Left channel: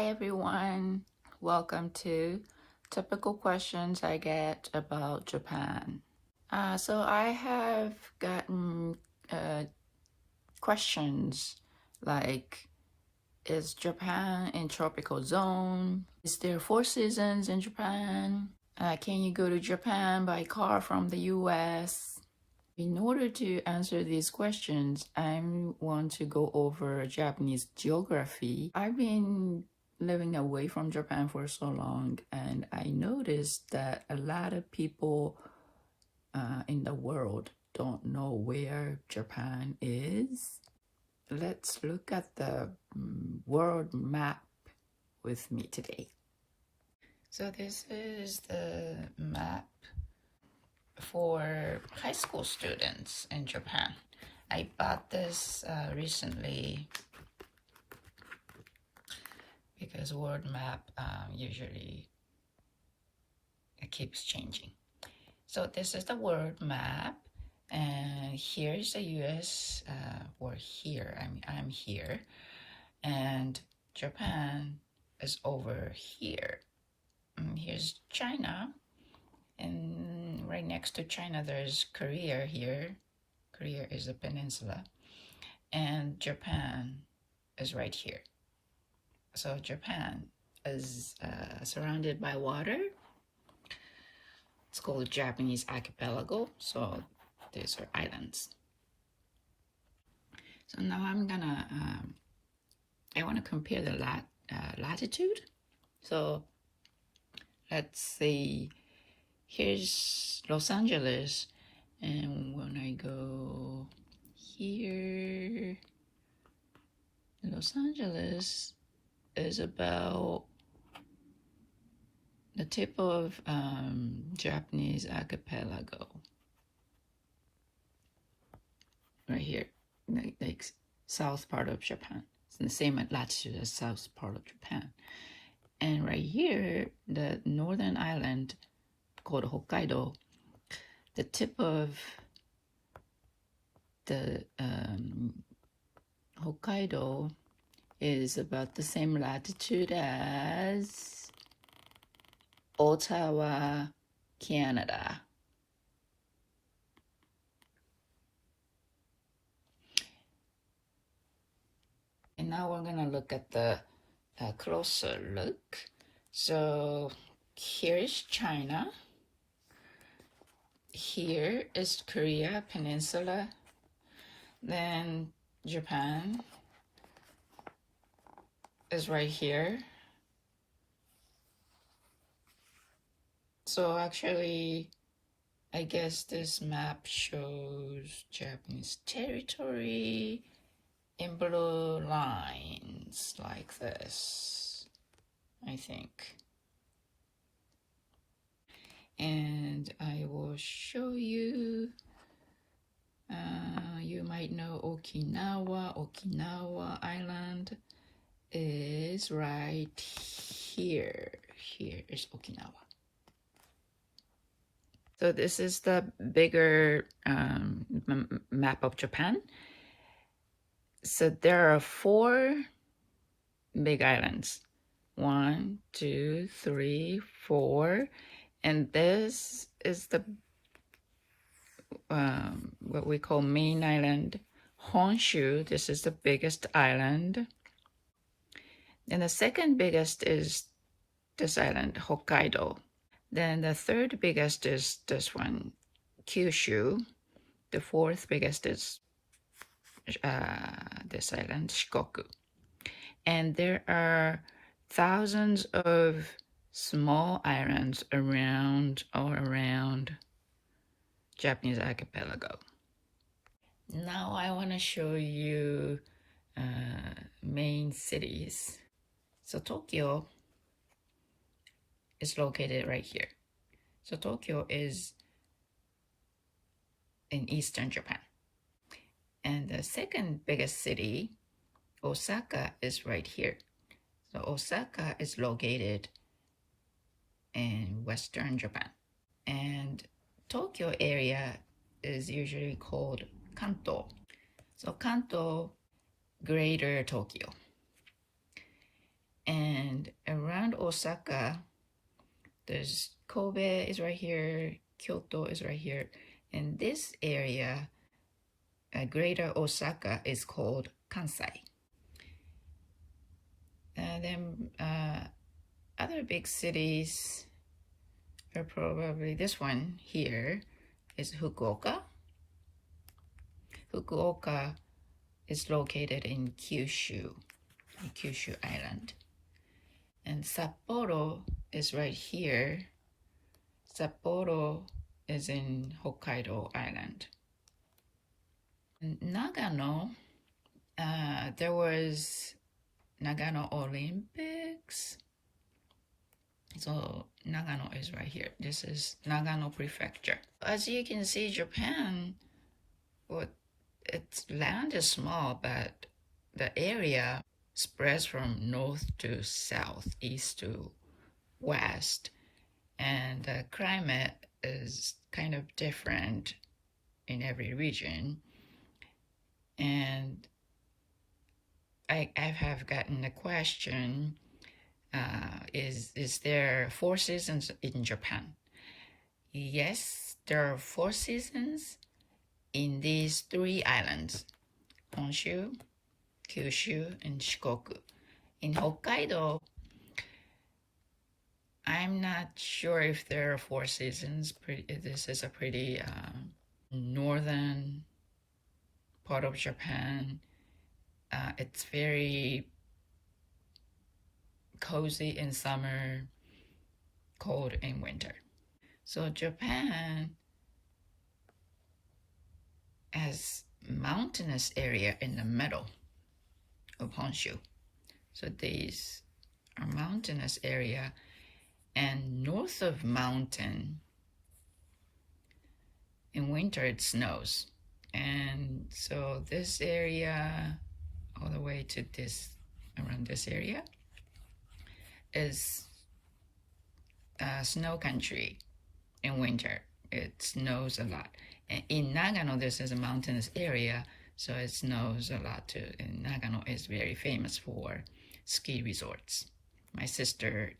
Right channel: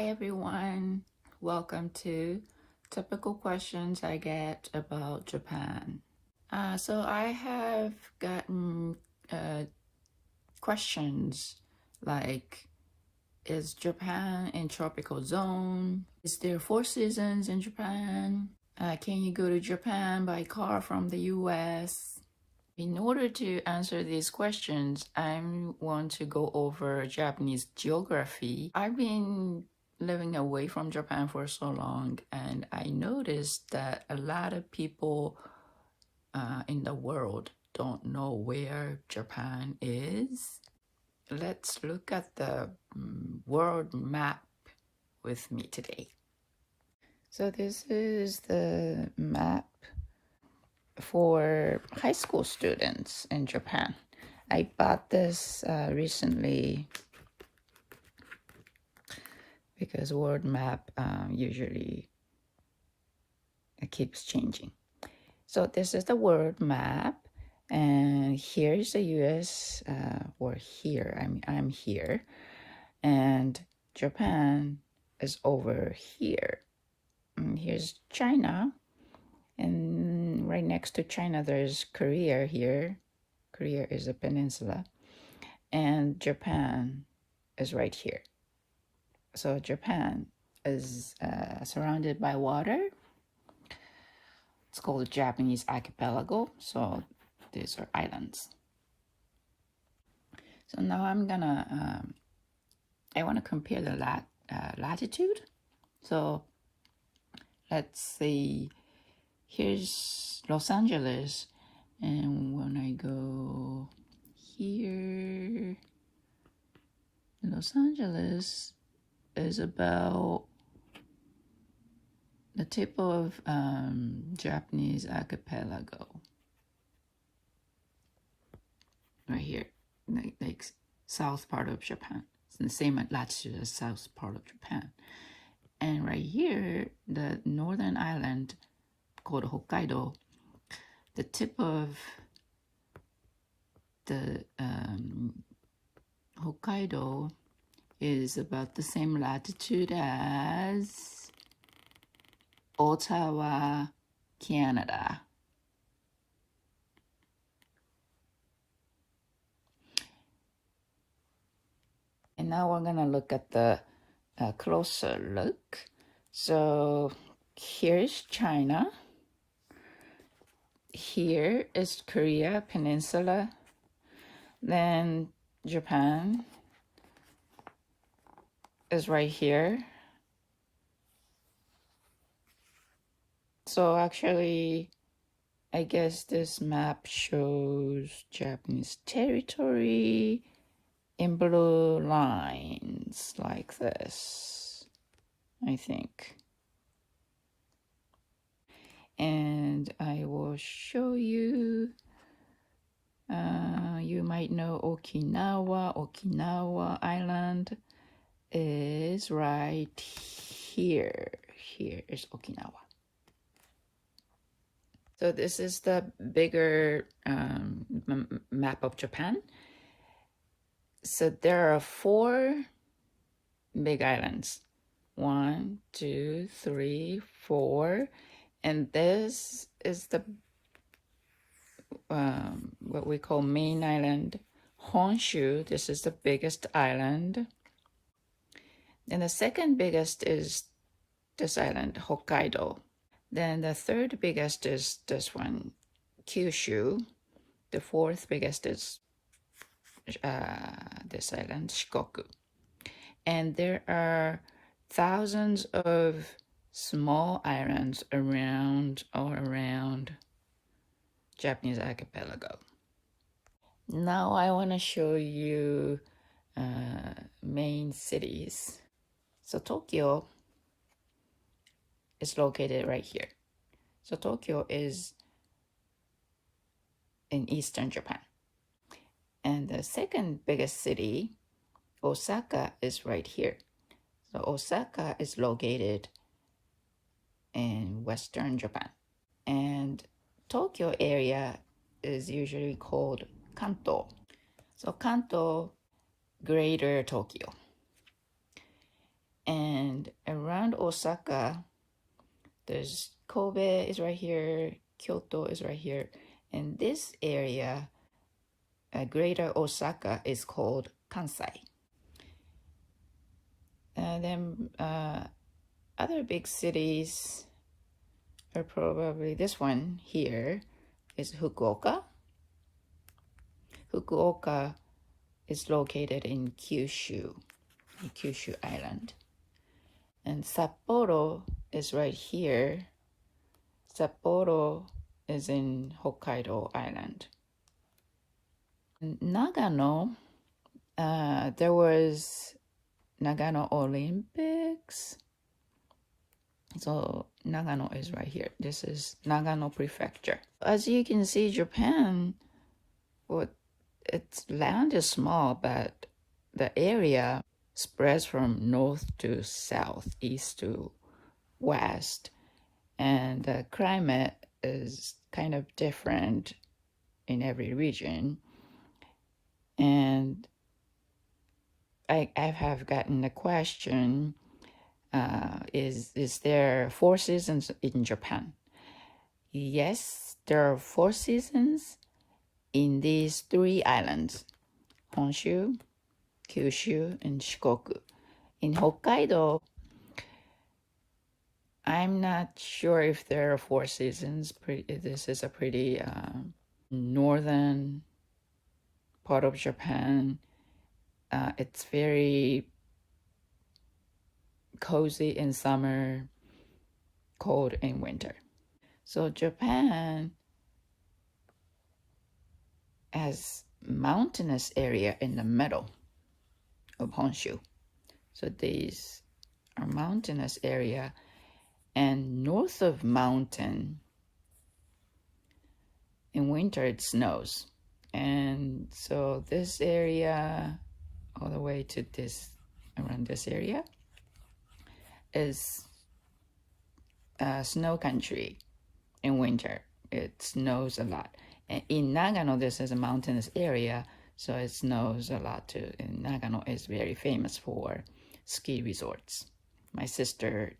Hi everyone, welcome to typical questions I get about Japan. So I have gotten questions like, is Japan in tropical zone? Is there 4 seasons in Japan? Can you go to Japan by car from the US? In order to answer these questions, I want to go over Japanese geography. I've been living away from Japan for so long, and I noticed that a lot of people in the world don't know where Japan is. Let's look at the world map with me today. So this is the map for high school students in Japan. I bought this recently because world map usually it keeps changing. So this is the world map, and here's the US, or here, I'm here, and Japan is over here. Here's China, and right next to China there's Korea here. Korea is a peninsula, and Japan is right here. So Japan is surrounded by water. It's called Japanese archipelago. So these are islands. So now I want to compare the latitude. So let's see, here's Los Angeles, and when I go here, Los Angeles is about the tip of Japanese archipelago. Right here, like south part of Japan. It's in the same latitude as south part of Japan. And right here, the northern island called Hokkaido, the tip of the Hokkaido is about the same latitude as Ottawa, Canada. And now we're gonna look at the closer look. So here's China. Here is Korea Peninsula. Then Japan is right here. So actually, I guess this map shows Japanese territory in blue lines like this, I think. And I will show you, you might know Okinawa. Okinawa Island is right here. Here is Okinawa. So this is the bigger map of Japan. So there are 4 big islands. 1, 2, 3, 4. And this is the what we call main island, Honshu. This is the biggest island. And the second biggest is this island, Hokkaido. Then the third biggest is this one, Kyushu. The fourth biggest is this island, Shikoku. And there are thousands of small islands all around Japanese archipelago. Now I want to show you main cities. So Tokyo is located right here. So Tokyo is in eastern Japan. And the second biggest city, Osaka, is right here. So Osaka is located in western Japan. And Tokyo area is usually called Kanto. So Kanto, Greater Tokyo. And Osaka, there's Kobe is right here, Kyoto is right here, and this area, Greater Osaka, is called Kansai. And then other big cities are probably this one here is Fukuoka. Fukuoka is located in Kyushu Island. And Sapporo is right here. Sapporo is in Hokkaido Island. In Nagano, there was Nagano Olympics. So Nagano is right here. This is Nagano Prefecture. As you can see, Japan, its land is small, but the area spreads from north to south, east to west, and the climate is kind of different in every region. And I have gotten a question, is there 4 seasons in Japan? Yes, there are 4 seasons in these 3 islands, Honshu, Kyushu, and Shikoku. In Hokkaido, I'm not sure if there are 4 seasons. This is a pretty northern part of Japan. It's very cozy in summer, cold in winter. So Japan has mountainous area in the middle of Honshu. So these are mountainous area, and north of mountain in winter it snows. And so this area all the way to this, around this area, is snow country in winter. It snows a lot. And in Nagano, this is a mountainous area, so it snows a lot too. And Nagano is very famous for ski resorts. My sister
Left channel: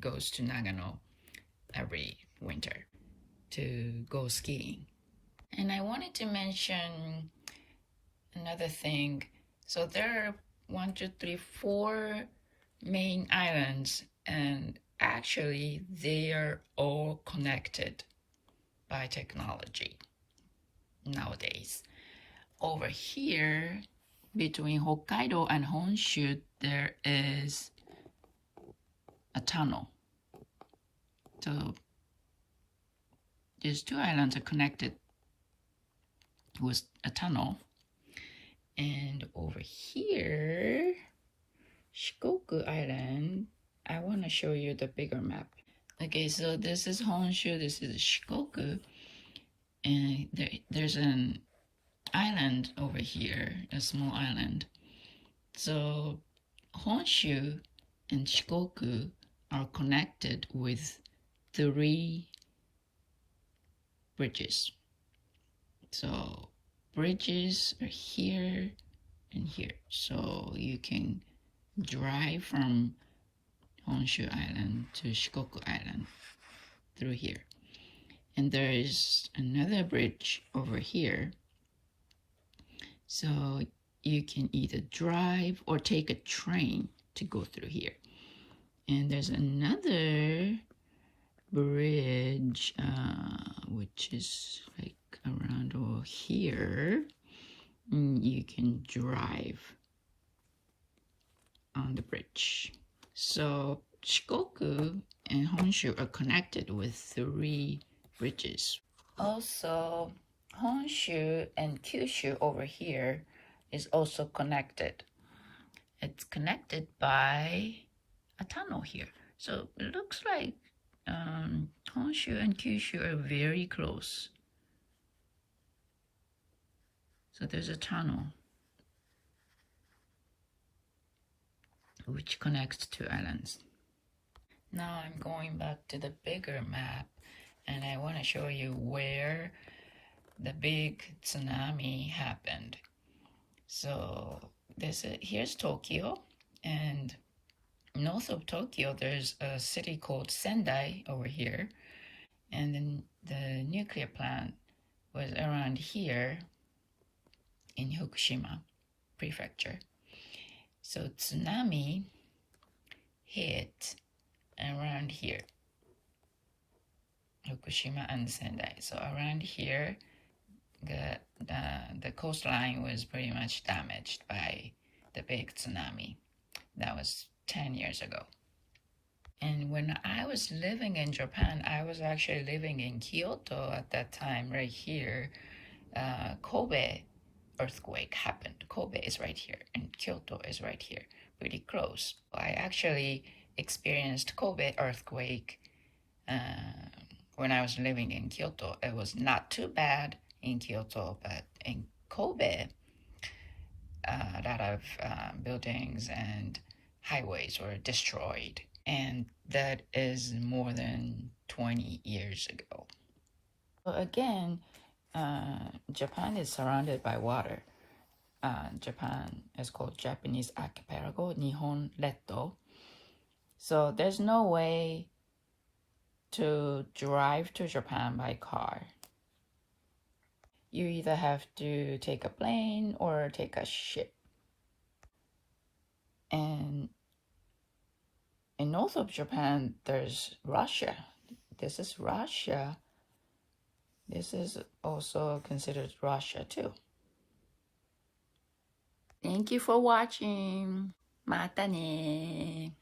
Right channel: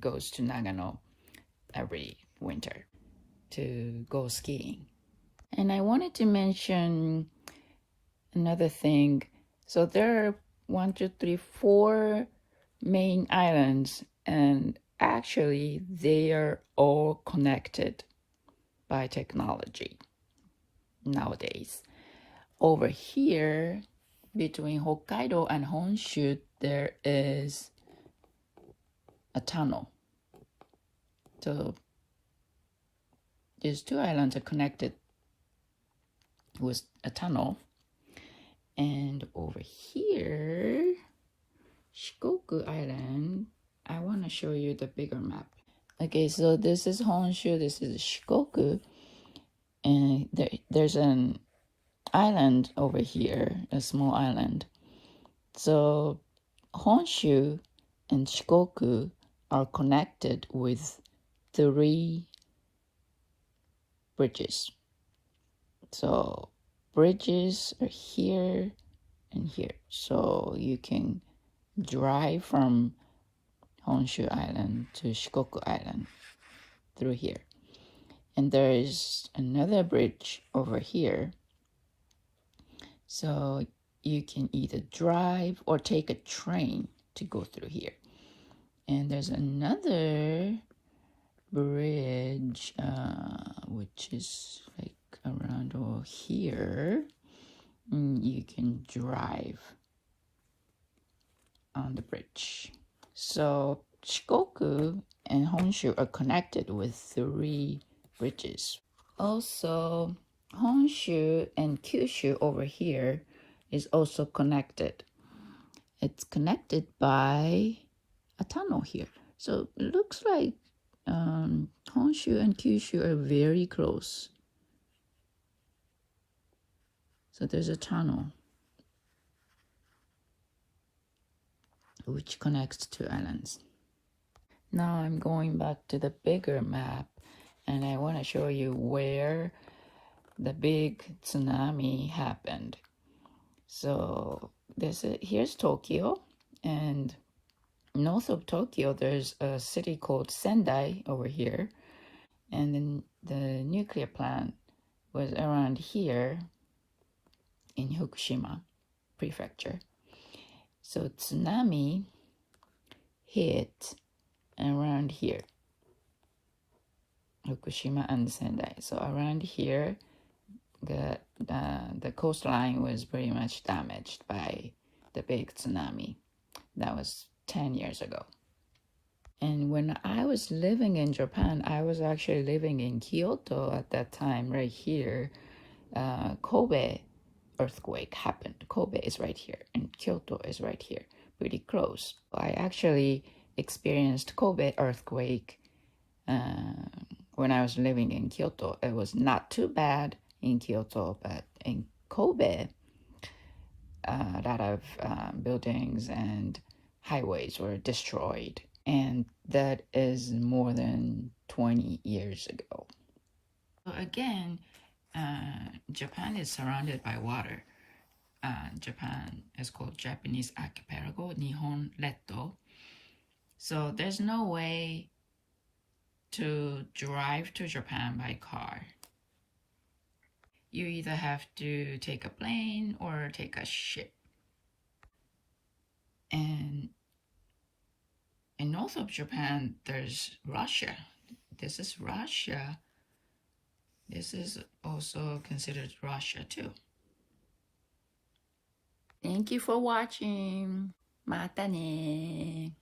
goes to Nagano every winter to go skiing. And I wanted to mention another thing. So there are 1, 2, 3, 4 main islands, and actually they are all connected by technology nowadays. Over here, between Hokkaido and Honshu, there is a tunnel. So these 2 islands are connected with a tunnel. And over here, Shikoku Island, I want to show you the bigger map. Okay, so this is Honshu, this is Shikoku, and there's an island over here, a small island. So Honshu and Shikoku are connected with 3 bridges. So bridges are here and here. So you can drive from Honshu Island to Shikoku Island through here. And there is another bridge over here. So you can either drive or take a train to go through here. And there's another bridge, which is like around over here. You can drive on the bridge. So Shikoku and Honshu are connected with 3 bridges. Also, Honshu and Kyushu over here is also connected. It's connected by a tunnel here. So it looks like Honshu and Kyushu are very close. So there's a tunnel which connects 2 islands. Now I'm going back to the bigger map, and I want to show you where the big tsunami happened. So here's Tokyo, and North of Tokyo, there's a city called Sendai over here, and then the nuclear plant was around here in Fukushima prefecture. So tsunami hit around here, Fukushima and Sendai. So around here, the coastline was pretty much damaged by the big tsunami. That was 10 years ago. And when I was living in Japan, I was actually living in Kyoto at that time, right here. Kobe earthquake happened. Kobe is right here, and Kyoto is right here, pretty close. I actually experienced Kobe earthquake when I was living in Kyoto. It was not too bad in Kyoto, but in Kobe, a lot of buildings and highways were destroyed, and that is more than 20 years ago. So again, Japan is surrounded by water. Japan is called Japanese archipelago, Nihon Retto. So there's no way to drive to Japan by car. You either have to take a plane or take a ship. And in north of Japan, there's Russia. This is Russia. This is also considered Russia too. Thank you for watching. またね